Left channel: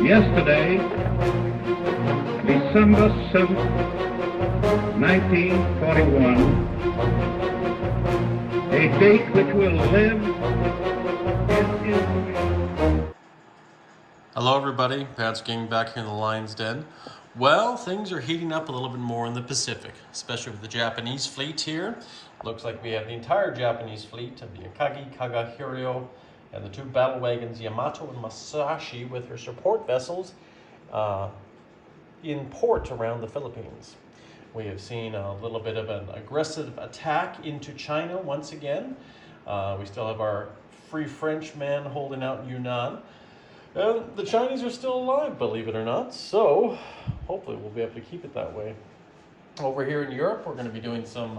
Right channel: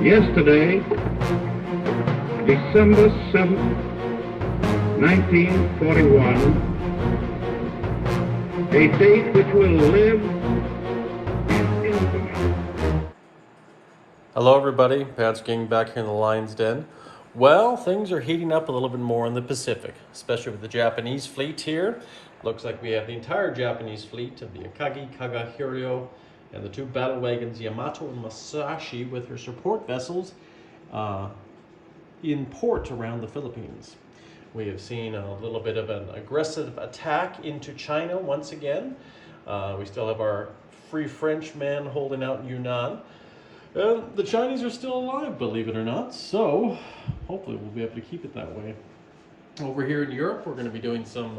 Yesterday, December 7th, 1941, a date which will live in infamy. Hello everybody, Pat's King back here in the Lion's Den. Well, things are heating up a little bit more in the Pacific, especially with the Japanese fleet here. Looks like we have the entire Japanese fleet of the Akagi, Kaga, Hiryo, and the two battle wagons Yamato and Masashi with her support vessels in port around the Philippines. We have seen a little bit of an aggressive attack into China once again. We still have our Free French man holding out in Yunnan. The Chinese are still alive, believe it or not, so hopefully we'll be able to keep it that way. Over here in Europe, we're going to be doing some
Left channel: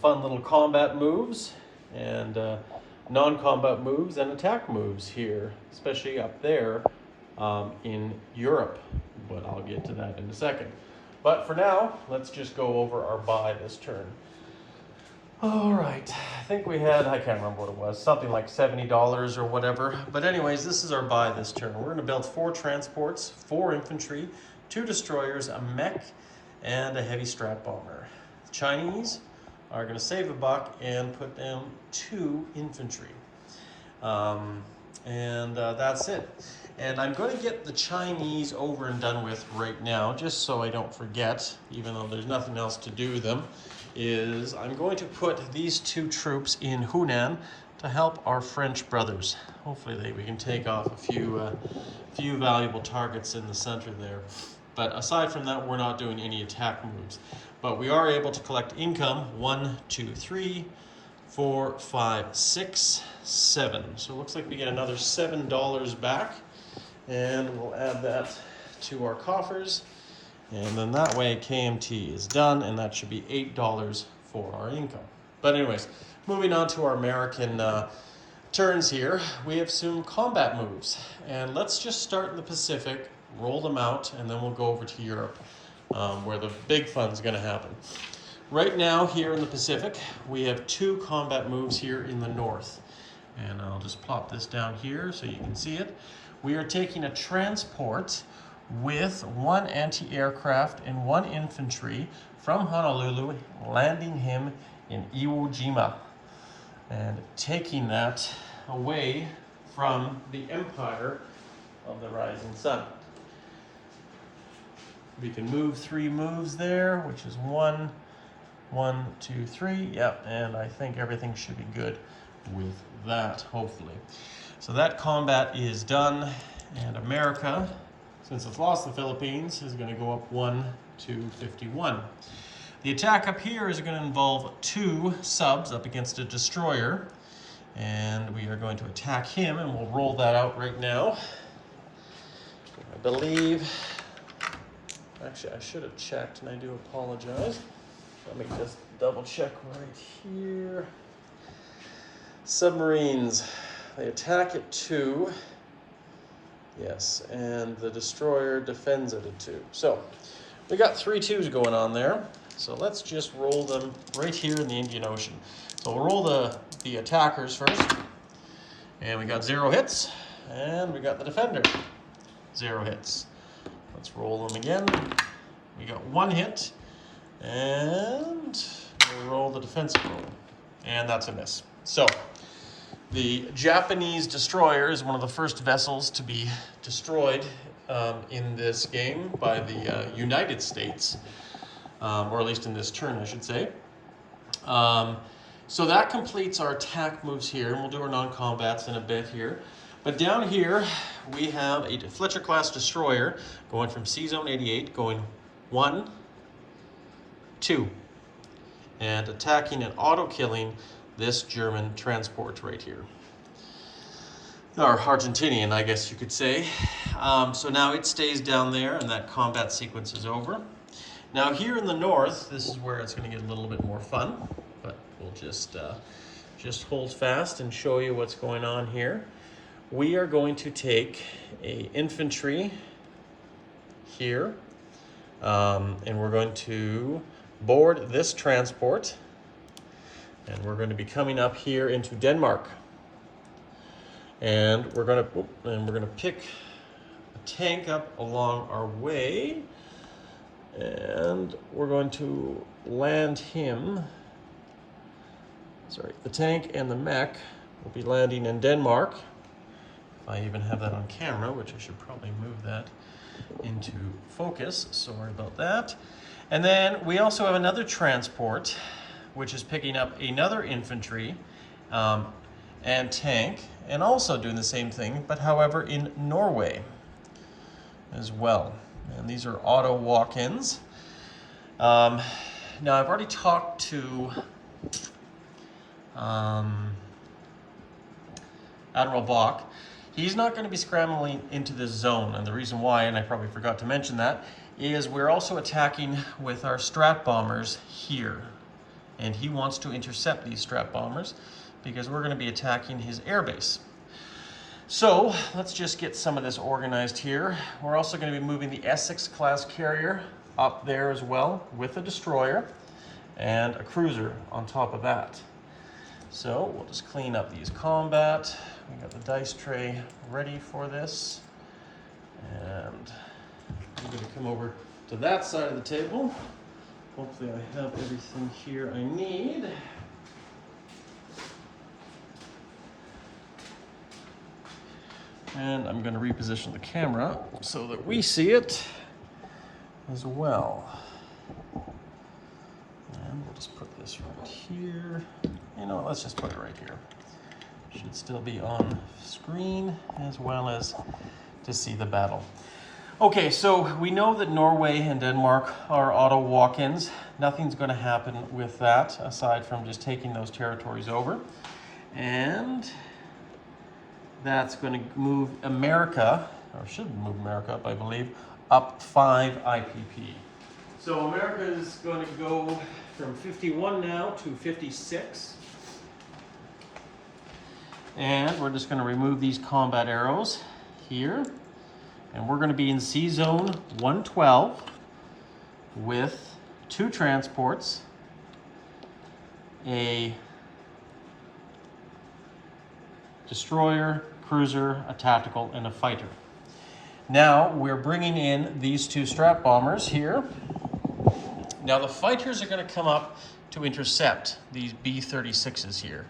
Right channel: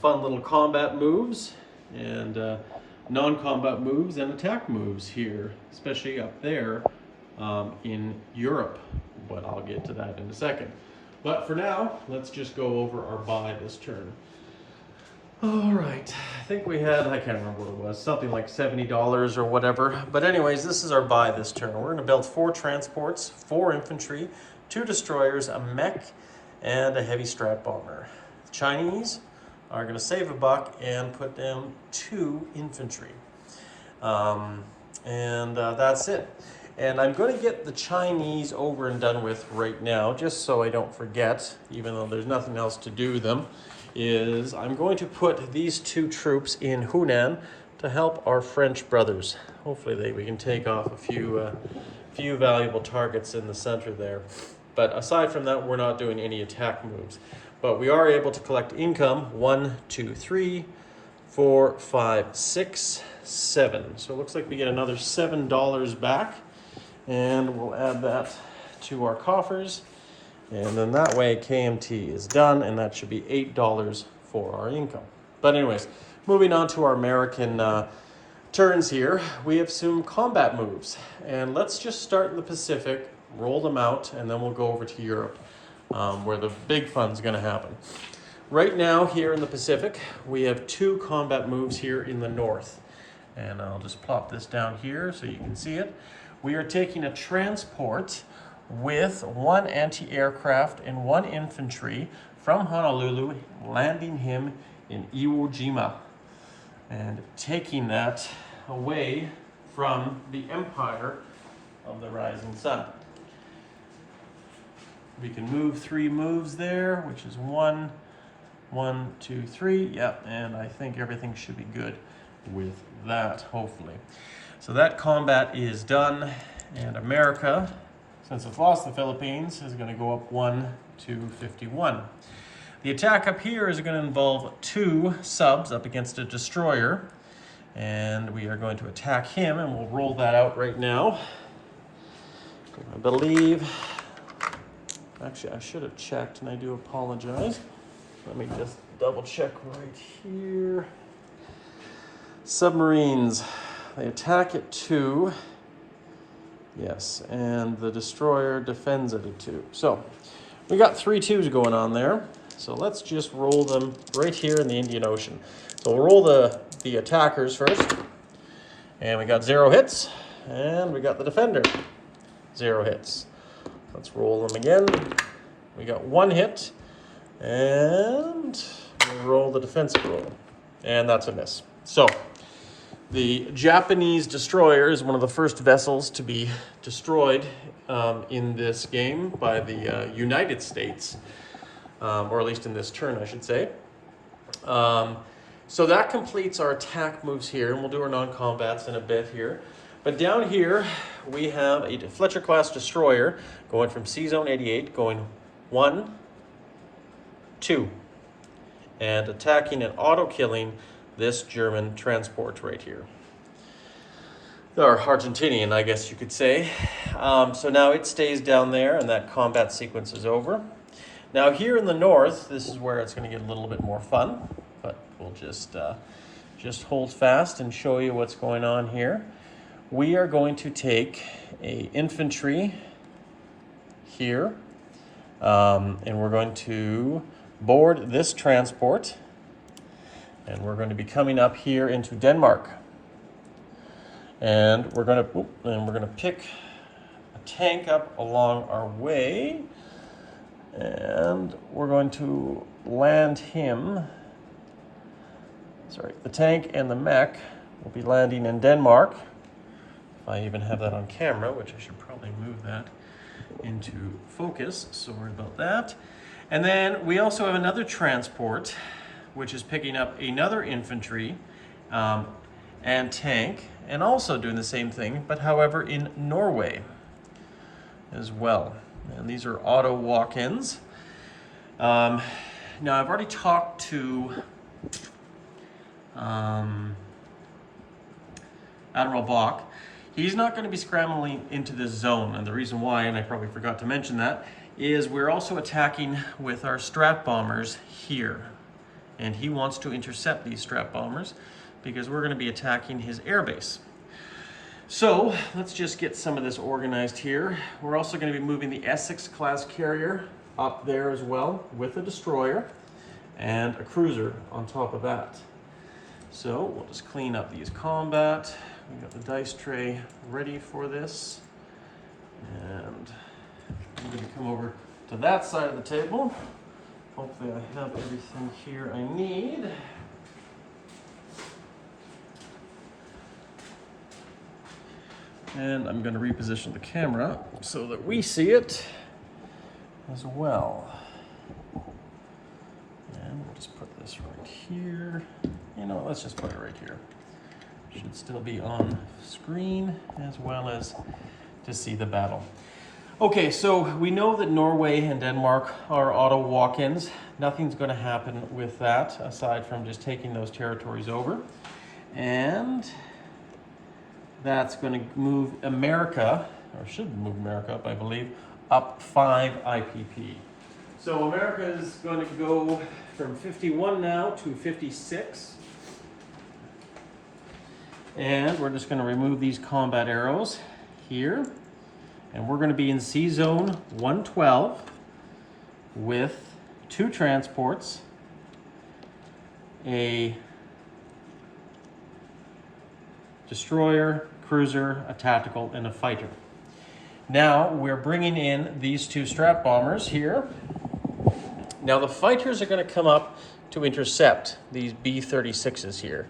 fun little combat moves and non-combat moves and attack moves here, especially up there in Europe, but I'll get to that in a second. But for now, let's just go over our buy this turn. All right, I think we had, I can't remember what it was, something like $70 or whatever. But anyways, this is our buy this turn. We're gonna build 4 transports, 4 infantry, 2 destroyers, a mech, and a heavy strat bomber. Chinese are gonna save a buck and put down 2 infantry. That's it. And I'm going to get the Chinese over and done with right now, just so I don't forget, even though there's nothing else to do them, is I'm going to put these 2 troops in Hunan to help our French brothers. Hopefully we can take off a few valuable targets in the center there. But aside from that, we're not doing any attack moves. But we are able to collect income, 1, 2, 3, 4, 5, 6, 7. So it looks like we get another $7 back. And we'll add that to our coffers. And then that way KMT is done, and that should be $8 for our income. But anyways, moving on to our American turns here, we have some combat moves. And let's just start in the Pacific, roll them out, and then we'll go over to Europe, where the big fun's gonna happen. Right now, here in the Pacific, we have 2 combat moves here in the north. And I'll just plop this down here so you can see it. We are taking a transport with 1 anti-aircraft and 1 infantry from Honolulu, landing him in Iwo Jima, and taking that away from the Empire of the Rising Sun. We can move 3 moves there, which is 1, 1, 2, 3, yep, and I think everything should be good with that, hopefully. So that combat is done, and America, since it's lost the Philippines, is going to go up 1 to 51. The attack up here is going to involve 2 subs up against a destroyer, and we are going to attack him, and we'll roll that out right now. I believe, actually I should have checked, and I do apologize. Let me just double check right here. Submarines, they attack at 2. Yes, and the destroyer defends it at 2. So we got 3 2s going on there. So let's just roll them right here in the Indian Ocean. So we'll roll the attackers first. And we got 0 hits. And we got the defender. 0 hits. Let's roll them again. We got 1 hit. And we'll roll the defensive roll. And that's a miss. So the Japanese destroyer is one of the first vessels to be destroyed in this game by the United States, or at least in this turn, I should say. So that completes our attack moves here, and we'll do our non-combats in a bit here. But down here, we have a Fletcher-class destroyer going from C-Zone 88, going 1, 2, and attacking and auto-killing this German transport right here. Or Argentinian, I guess you could say. So now it stays down there, and that combat sequence is over. Now here in the north, this is where it's going to get a little bit more fun, but we'll just hold fast and show you what's going on here. We are going to take a infantry here, and we're going to board this transport, and we're going to be coming up here into Denmark. And we're going to pick a tank up along our way. And we're going to land him. Sorry, the tank and the mech will be landing in Denmark. If I even have that on camera, which I should probably move that into focus. Sorry about that. And then we also have another transport, which is picking up another infantry and tank, and also doing the same thing, but however in Norway as well. And these are auto walk-ins. Now I've already talked to Admiral Bach. He's not going to be scrambling into this zone, and the reason why, and I probably forgot to mention that, is we're also attacking with our strat bombers here. And he wants to intercept these strat bombers because we're going to be attacking his airbase. So let's just get some of this organized here. We're also going to be moving the Essex class carrier up there as well with a destroyer and a cruiser on top of that. So we'll just clean up these combat. We've got the dice tray ready for this. And I'm going to come over to that side of the table. Hopefully I have everything here I need. And I'm going to reposition the camera so that we see it as well. And we'll just put this right here. You know, let's just put it right here. Should still be on screen as well as to see the battle. Okay, so we know that Norway and Denmark are auto walk-ins. Nothing's going to happen with that aside from just taking those territories over. And that's going to move America, or should move America up, I believe, up 5 IPP. So America is going to go from 51 now to 56. And we're just going to remove these combat arrows here. And we're going to be in C zone 112 with 2 transports, a destroyer, cruiser, a tactical, and a fighter. Now we're bringing in these 2 strat bombers here. Now the fighters are going to come up to intercept these B-36s here.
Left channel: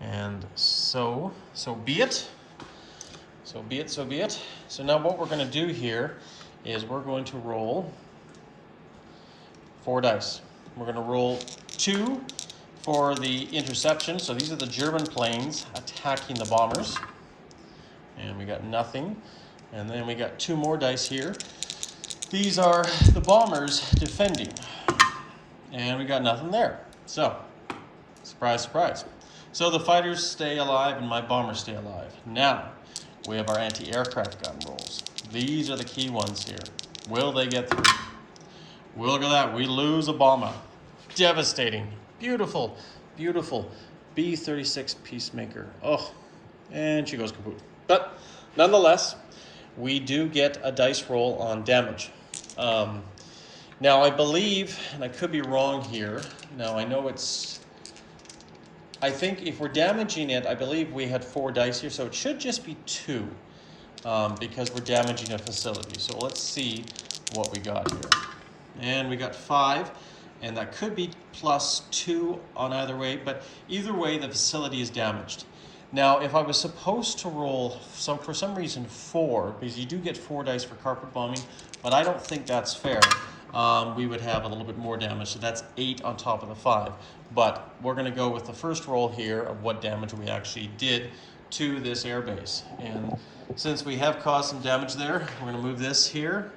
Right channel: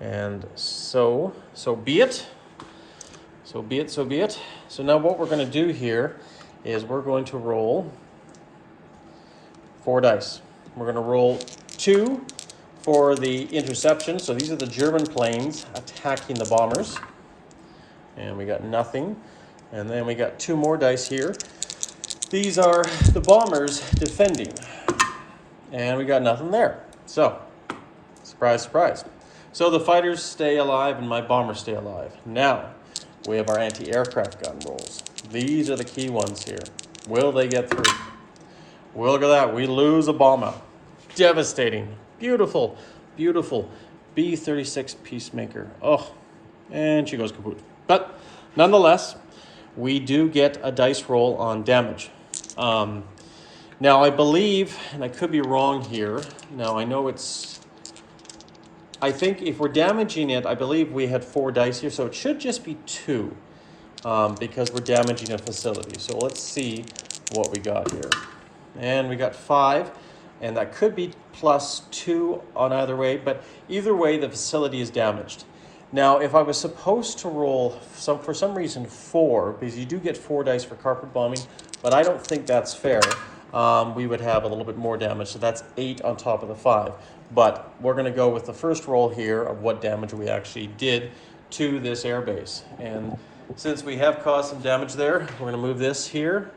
And so be it. So be it, so be it. So now what we're going to do here is we're going to roll 4 dice. We're going to roll 2 for the interception. So these are the German planes attacking the bombers. And we got nothing. And then we got 2 more dice here. These are the bombers defending. And we got nothing there. So, surprise, surprise. So the fighters stay alive and my bombers stay alive. Now, we have our anti-aircraft gun rolls. These are the key ones here. Will they get through? Well, look at that. We lose a bomber. Devastating. Beautiful, beautiful B-36 Peacemaker. Oh, and she goes kaput. But nonetheless, we do get a dice roll on damage. Now, I believe, and I could be wrong here. Now, I know I think if we're damaging it, I believe we had 4 dice here, so it should just be 2 because we're damaging a facility. So let's see what we got here. And we got 5, and that could be +2 on either way, but either way, the facility is damaged. Now, if I was supposed to roll, for some reason, 4, because you do get 4 dice for carpet bombing, but I don't think that's fair. We would have a little bit more damage, so that's 8 on top of the 5. But we're going to go with the first roll here of what damage we actually did to this airbase. And since we have caused some damage there, we're going to move this here,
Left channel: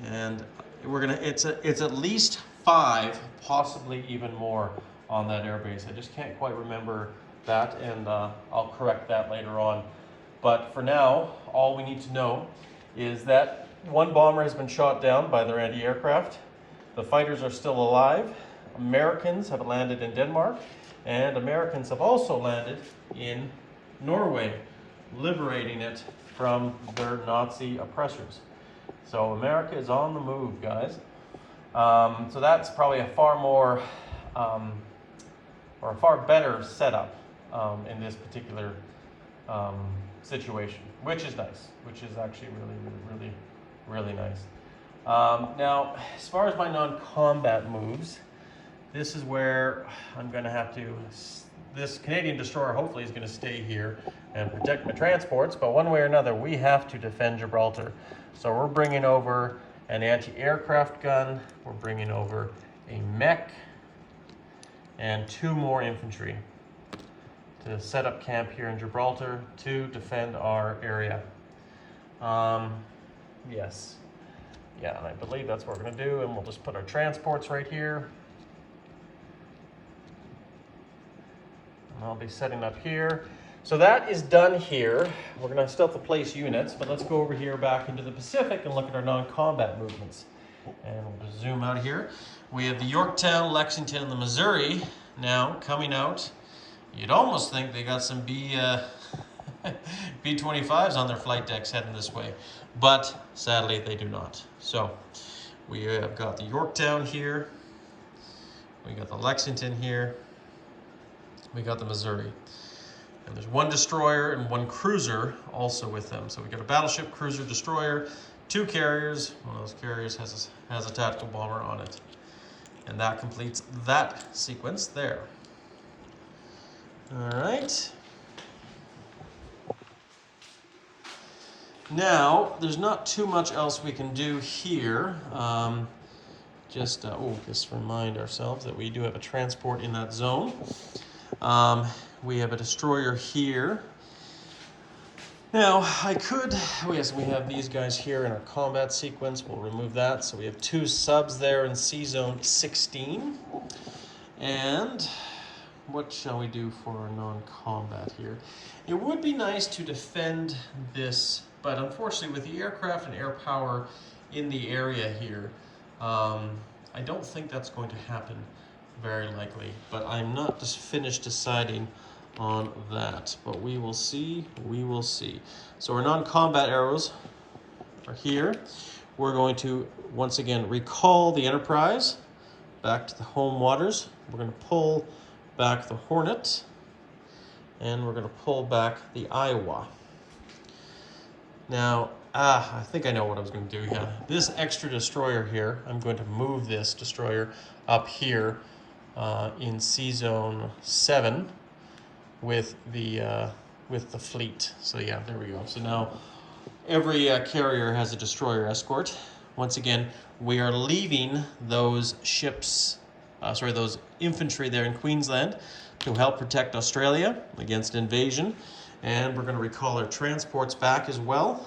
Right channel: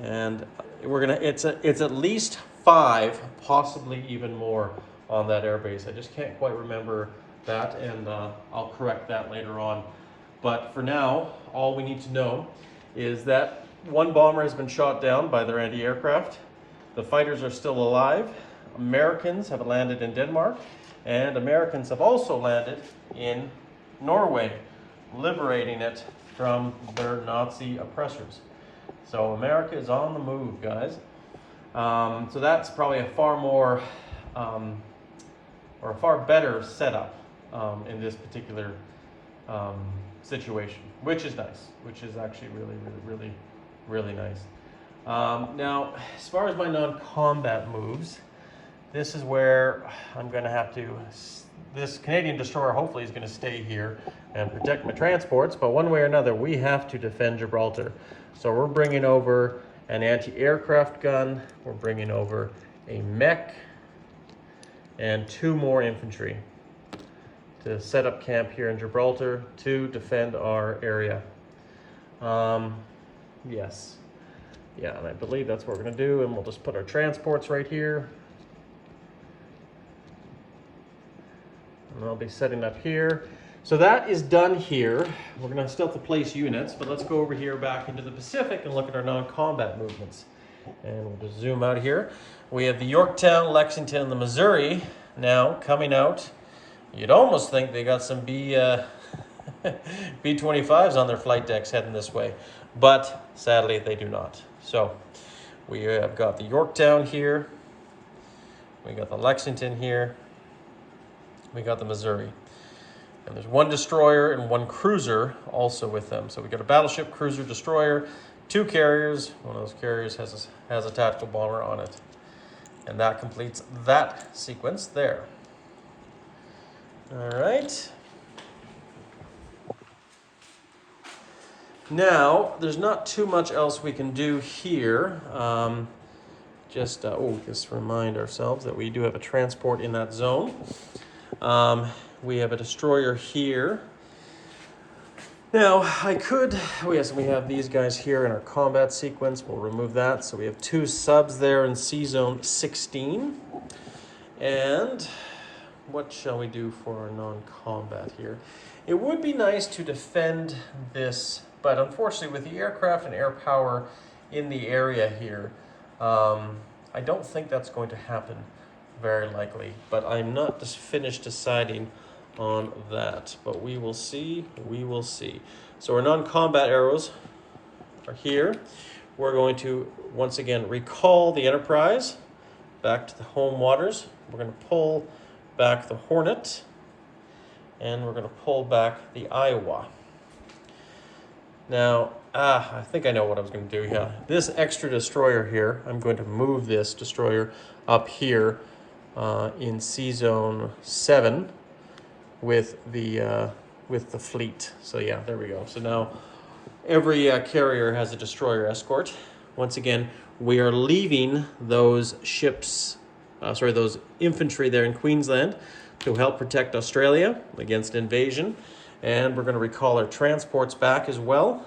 and it's at least 5, possibly even more on that airbase. I just can't quite remember that, and I'll correct that later on. But for now, all we need to know is that 1 bomber has been shot down by their anti-aircraft. The fighters are still alive. Americans have landed in Denmark, and Americans have also landed in Norway, liberating it from their Nazi oppressors. So America is on the move, guys. So that's probably a far more, or a far better setup in this particular situation. which is nice, which is actually really nice. Now, as far as my non-combat moves, this is where I'm going to have to, this Canadian destroyer hopefully is going to stay here and protect my transports, but one way or another, we have to defend Gibraltar. So we're bringing over an anti-aircraft gun, we're bringing over a mech, and 2 more infantry to set up camp here in Gibraltar to defend our area. Yes. Yeah, and I believe that's what we're going to do, and we'll just put our transports right here. And I'll be setting up here. So that is done here. We're going to still have to place units, but let's go over here back into the Pacific and look at our non-combat movements. And we'll just zoom out here. We have the Yorktown, Lexington, and the Missouri now coming out. You'd almost think they got some B-25s on their flight decks heading this way, but sadly they do not. So we have got the Yorktown here, we got the Lexington here, we got the Missouri. And there's 1 destroyer and 1 cruiser also with them. So we got a battleship, cruiser, destroyer, 2 carriers. One of those carriers has a tactical bomber on it. And that completes that sequence there. All right. Now, there's not too much else we can do here. Just remind ourselves that we do have a transport in that zone. We have a destroyer here. Now, yes, we have these guys here in our combat sequence. We'll remove that. So we have 2 subs there in C-Zone 16. And what shall we do for our non-combat here? It would be nice to defend this, but unfortunately with the aircraft and air power in the area here, I don't think that's going to happen very likely, but I'm not just finished deciding on that, but we will see. So our non-combat arrows are here. We're going to once again recall the Enterprise back to the home waters. We're going to pull back the Hornet, and we're going to pull back the Iowa. Now, I think I know what I was going to do here. This extra destroyer here, I'm going to move this destroyer up here in C-Zone 7 with the fleet. So yeah, there we go. So now every carrier has a destroyer escort. Once again, we are leaving those ships, those infantry there in Queensland to help protect Australia against invasion. And we're going to recall our transports back as well.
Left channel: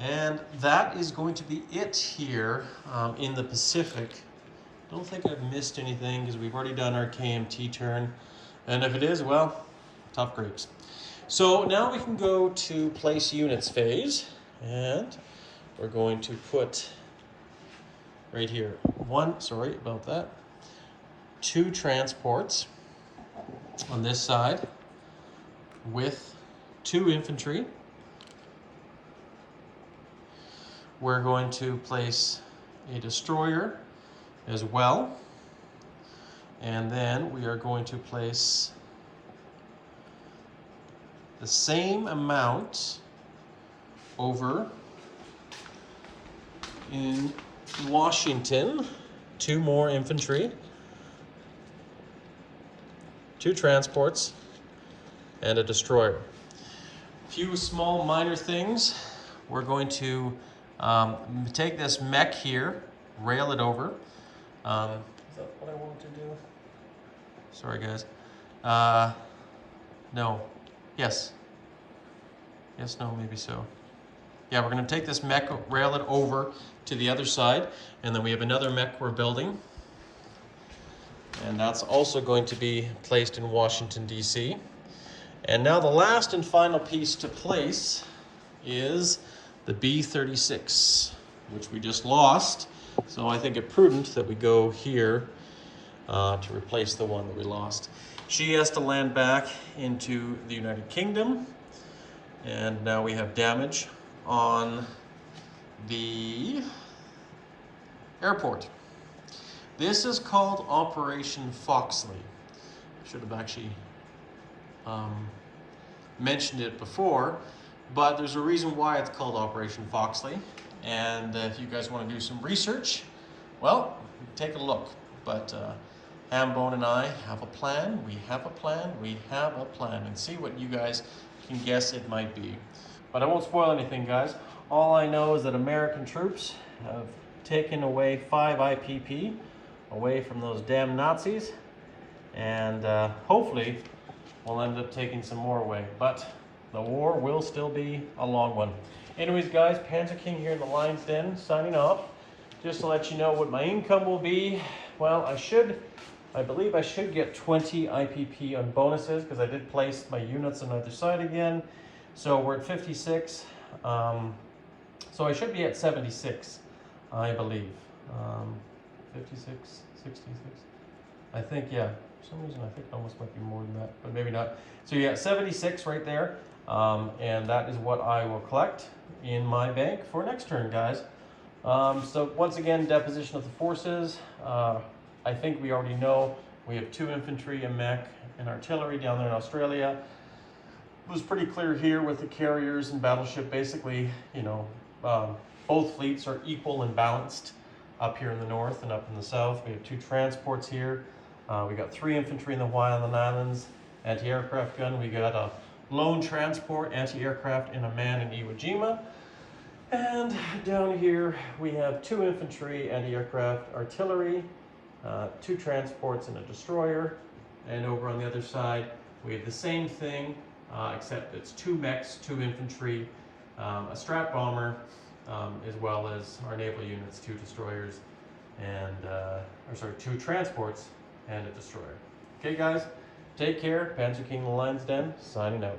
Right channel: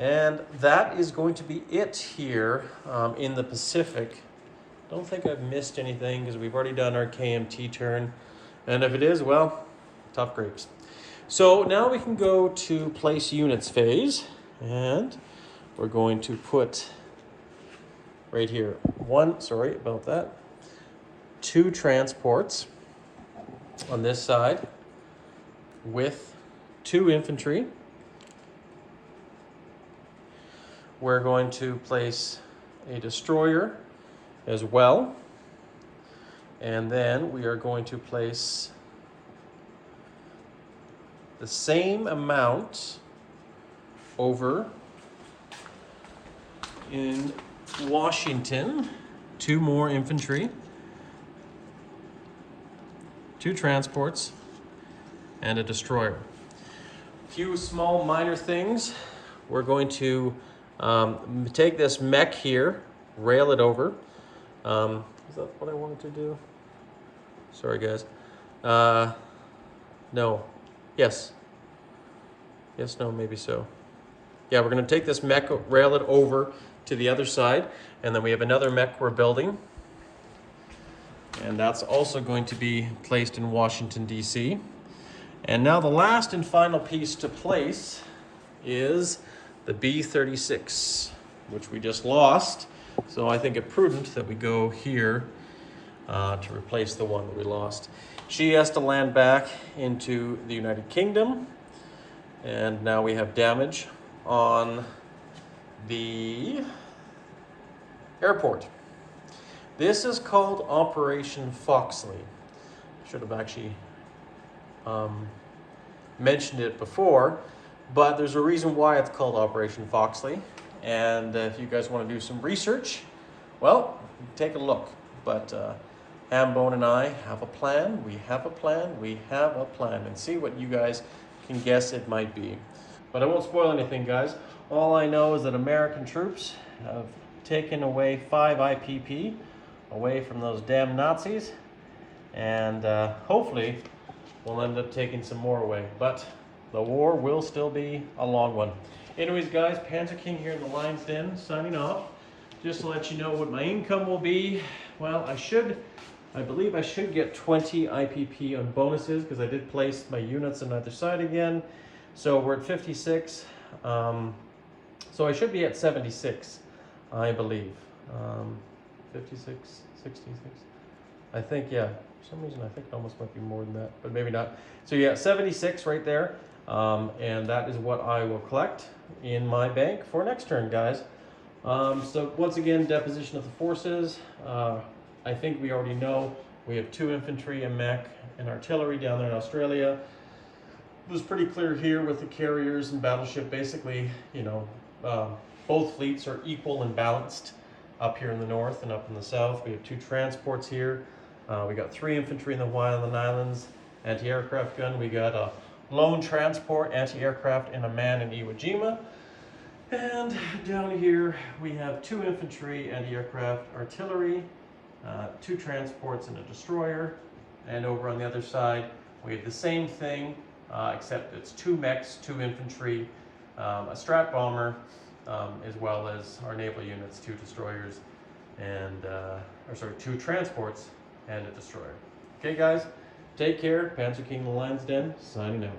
And that is going to be it here in the Pacific. Don't think I've missed anything because we've already done our KMT turn. And if it is, well, tough grapes. So now we can go to place units phase. And we're going to put right here, 2 transports on this side with 2 infantry. We're going to place a destroyer as well. And then we are going to place the same amount over in Washington. 2 more infantry, 2 transports, and a destroyer. A few small minor things. We're going to take this mech here, rail it over. Is that what I wanted to do? Sorry, guys. No. Yes. Yes, no, maybe so. Yeah, we're going to take this mech, rail it over to the other side, and then we have another mech we're building. And that's also going to be placed in Washington, D.C. And now the last and final piece to place is the B-36, which we just lost. So I think it prudent that we go here to replace the one that we lost. She has to land back into the United Kingdom. And now we have damage on the airport. This is called Operation Foxley. Should have actually mentioned it before, but there's a reason why it's called Operation Foxley. And if you guys want to do some research, well, take a look. But Hambone and I have a plan, we have a plan, we have a plan, and see what you guys can guess it might be. But I won't spoil anything, guys. All I know is that American troops have taken away 5 IPP away from those damn Nazis, and hopefully we'll end up taking some more away. But the war will still be a long one. Anyways, guys, Panzer King here in the Lion's Den, signing off. Just to let you know what my income will be. Well, I believe I should get 20 IPP on bonuses because I did place my units on either side again. So we're at 56. So I should be at 76, I believe. 56, 66. I think, yeah. For some reason, I think it almost might be more than that, but maybe not. So yeah, 76 right there. And that is what I will collect in my bank for next turn, guys. So once again, deposition of the forces. I think we already know we have 2 infantry, a mech, and artillery down there in Australia. It was pretty clear here with the carriers and battleship. Basically, you know, both fleets are equal and balanced up here in the north and up in the south. We have 2 transports here. We got 3 infantry in the Hawaiian Islands, anti-aircraft gun. We got a lone transport, anti-aircraft, and a man in Iwo Jima. And down here we have 2 infantry, anti-aircraft, artillery, 2 transports, and a destroyer. And over on the other side we have the same thing, except it's 2 mechs, 2 infantry, a strat bomber, as well as our naval units, 2 destroyers, and 2 transports and a destroyer. Okay, guys, take care. Panzer King, the Lion's Den, signing out.